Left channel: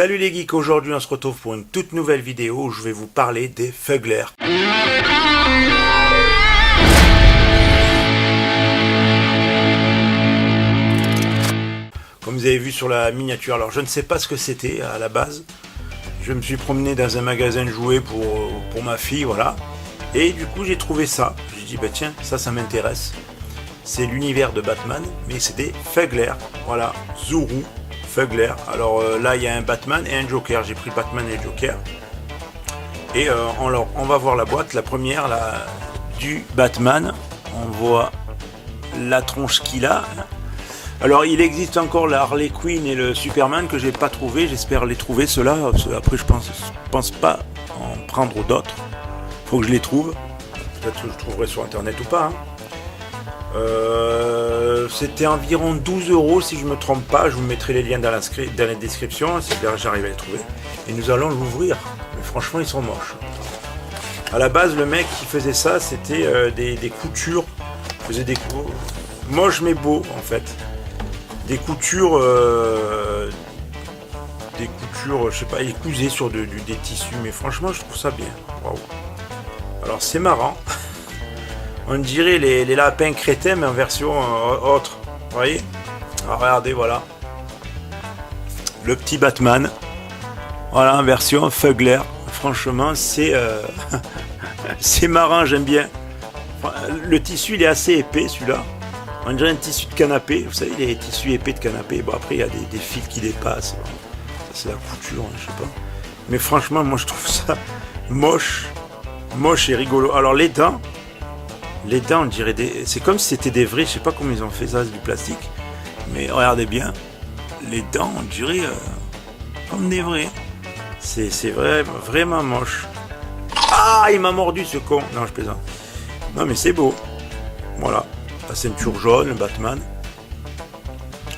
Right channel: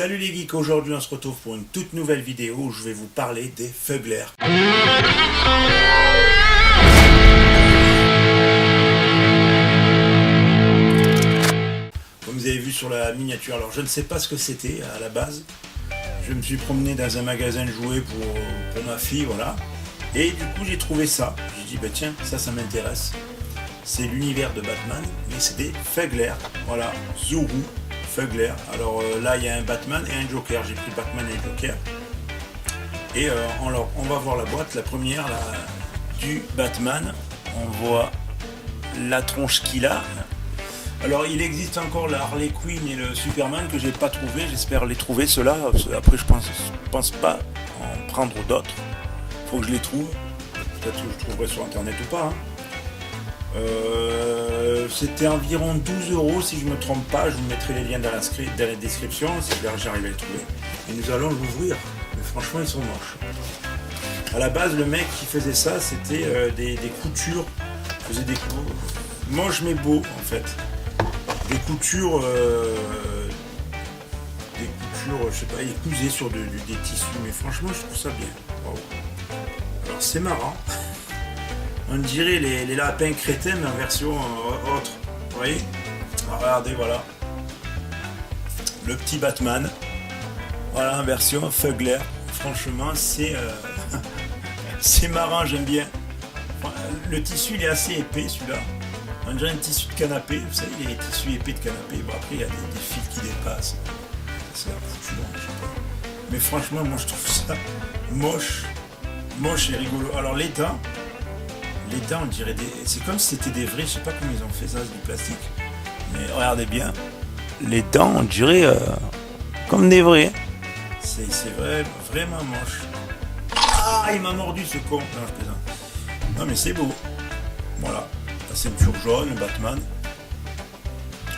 Salut les geeks, aujourd'hui on se retrouve pour une toute nouvelle vidéo où je vais vous parler des Fugler. Comme vous avez vu sur la miniature, alors je ne sais pas ce que c'était à la base. Je me suis promené dans un magasin de jouets pour ma fille, voilà. Et du coup j'ai trouvé ça. J'ai dit bah tiens, ça m'intéresse. C'est l'univers de Batman, mais c'est des Fugler. Voilà, Zuru. Fugler. Alors là il y a un Batman et un Joker. J'ai pris Batman et Joker. Et on va voir la boîte. La première du Batman. On voit la tronche qu'il a. Alors il existe encore la Harley Quinn et le Superman que j'ai pas trouvé. J'espère les trouver ceux-là. Après je pense pas en prendre d'autres. Faut que je les trouve. Peut-être que je trouverai sur internet ou pas. C'était environ 12 € si je me trompe pas. Je vous mettrai les liens dans la description si j'arrive à les trouver. Et nous allons l'ouvrir. Franchement ils sont moches. À la base le mec qui faisait ça c'était des coutures. Il faisait des coups moches mais beaux en fait. Des coutures je sais pas, il cousait sur des tissus. Mais franchement je trouve ça bien. Wow. Alors c'est marrant. On dirait les lapins crétins mais en version autre. Vous voyez? Alors, regardez, voilà. Le petit Batman. Voilà, en version Fugler. Franchement, c'est c'est marrant, j'aime bien. Le tissu, il est assez épais, celui-là. On dirait un tissu de canapé. Vous savez, les tissus épais de canapé. Bon, après, il y a des fils qui dépassent. C'est la couture, je sais pas. Mais franchement, moi, je trouve ça moche. Moche et rigolo. Alors, les dents, on dirait c'est comme si c'était des vrais, je sais pas comment ils ont fait ça, c'est du plastique. Mais regardez bien, les dents, on dirait comme des vrais. C'est vraiment moche. Ah, il m'a mordu ce con. Non, je plaisante. Non, mais c'est beau. Voilà, la ceinture jaune, le Batman.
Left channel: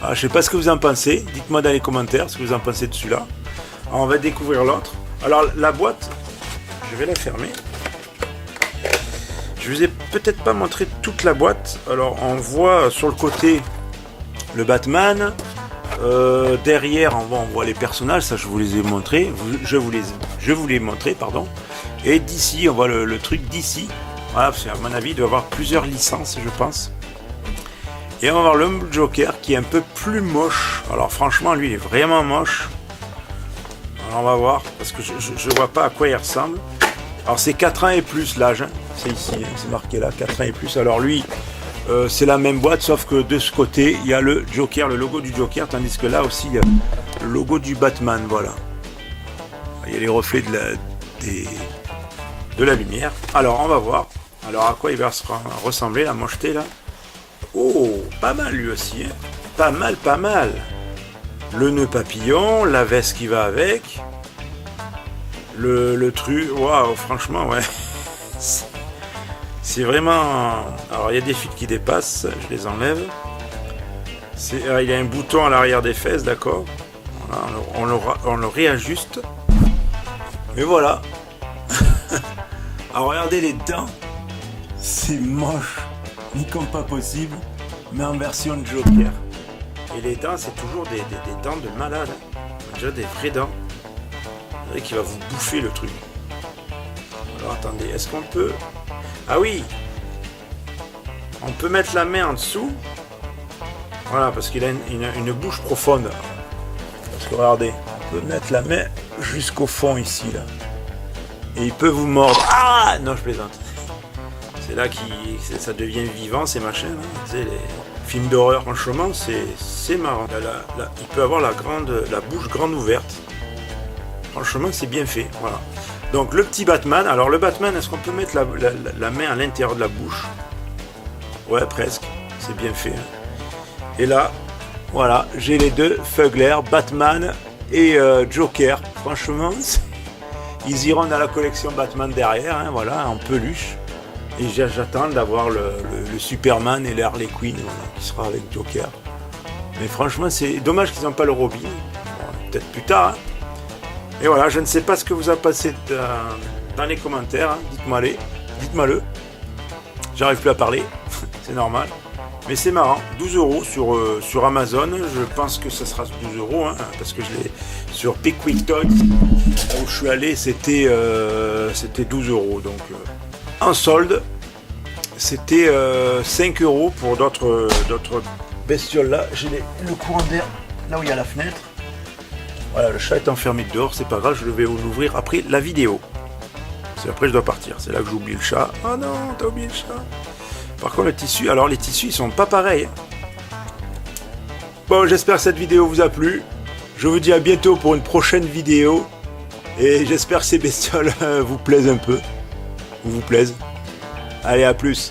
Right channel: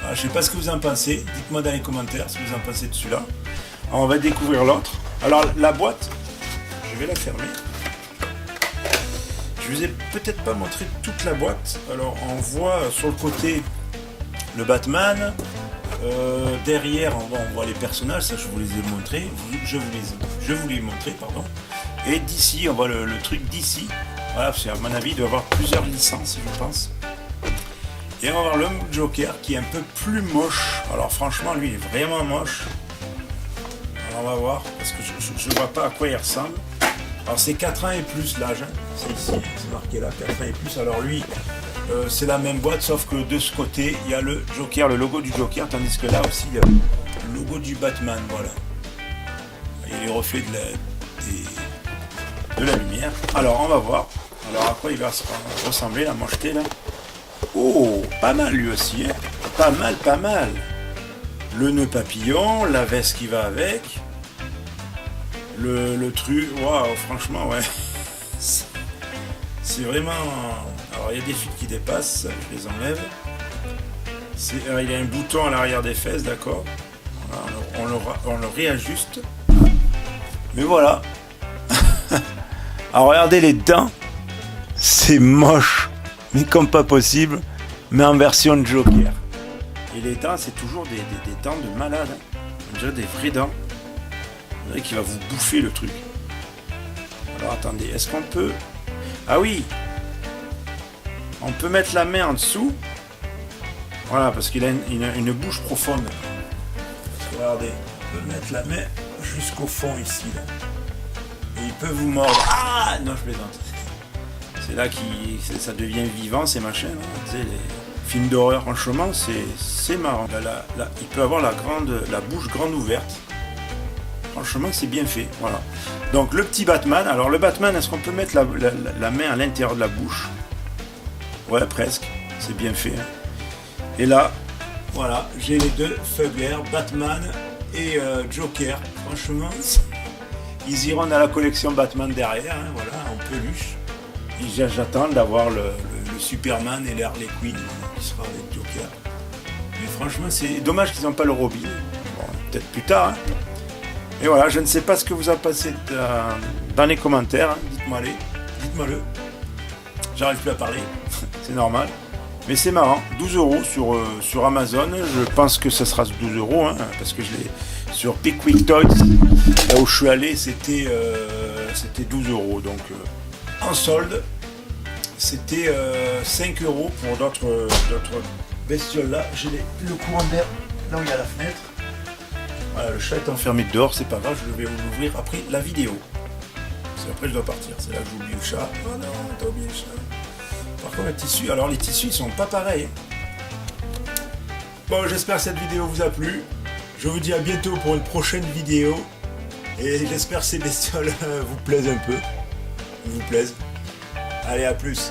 Ah, je sais pas ce que vous en pensez. Dites-moi dans les commentaires ce que vous en pensez de celui-là. Alors, on va découvrir l'autre. Alors, la boîte, je vais la fermer. Je vous ai peut-être pas montré toute la boîte. Alors on voit sur le côté le Batman. Derrière on voit les personnages. Ça je vous les ai montrés. Je vous les ai montrés, pardon. Et d'ici on voit le truc d'ici. Voilà, parce qu'à mon avis il doit y avoir plusieurs licences je pense. Et on va voir le Joker qui est un peu plus moche. Alors franchement lui il est vraiment moche. Alors on va voir parce que je vois pas à quoi il ressemble. Alors c'est 4 ans et plus l'âge. C'est ici, c'est marqué là, 4 ans et plus. Alors lui, c'est la même boîte, sauf que de ce côté, il y a le Joker, le logo du Joker, tandis que là aussi, il y a le logo du Batman, voilà. Il y a les reflets de la lumière. Alors, on va voir. Alors, à quoi il va ressembler, la mocheté, là? Oh, pas mal lui aussi, hein. Pas mal. Le nœud papillon, la veste qui va avec. Le truc, waouh, franchement, ouais. C'est vraiment... Alors il y a des fils qui dépassent, je les enlève. Il y a un bouton à l'arrière des fesses, d'accord. Voilà, on le réajuste. Mais voilà. Alors regardez les dents. C'est moche, mais comme pas possible. Mais en version de Joker. Et les dents, c'est toujours des dents de malade. On dirait des vraies dents. On dirait qu'il va vous bouffer le truc. Alors attendez, est-ce qu'on peut... Ah oui, on peut mettre la main en dessous. Voilà, parce qu'il a une bouche profonde. Parce que regardez, on peut mettre la main jusqu'au fond ici. Là. Et il peut vous mordre. Ah non, je plaisante. C'est là que ça devient vivant, ces machins. Hein. Tu sais, les films d'horreur, franchement, c'est marrant. Là, il peut avoir la bouche grande ouverte. Franchement, c'est bien fait. Voilà. Donc le petit Batman, alors le Batman, est-ce qu'on peut mettre la main à l'intérieur de la bouche? Ouais, presque, c'est bien fait. Et là, voilà, j'ai les deux Fugler, Batman et Joker. Franchement, ils iront dans la collection Batman derrière, hein, voilà, en peluche. Et j'attends d'avoir le Superman et le Harley Quinn qui sera avec Joker. Mais franchement, c'est dommage qu'ils n'ont pas le Robin. Bon, peut-être plus tard, hein. Et voilà, je ne sais pas ce que vous a passé dans les commentaires, hein. Dites-moi-le. J'arrive plus à parler, c'est normal. Mais c'est marrant, 12 € sur Amazon. Je pense que ça sera 12 €, hein, parce que Sur Pickwick Toys, là où je suis allé, c'était 12 euros. Donc en solde, c'était 5 euros pour d'autres bestioles là. J'ai le courant d'air là où il y a la fenêtre. Voilà, le chat est enfermé dehors, c'est pas grave, je vais vous l'ouvrir après la vidéo. C'est après je dois partir, c'est là que j'oublie le chat. Oh non, t'as oublié le chat. Par contre le tissu, alors les tissus ils sont pas pareils. Bon, j'espère que cette vidéo vous a plu. Je vous dis à bientôt pour une prochaine vidéo. Et j'espère que ces bestioles vous plaisent un peu. Ou vous plaisent. Allez, à plus.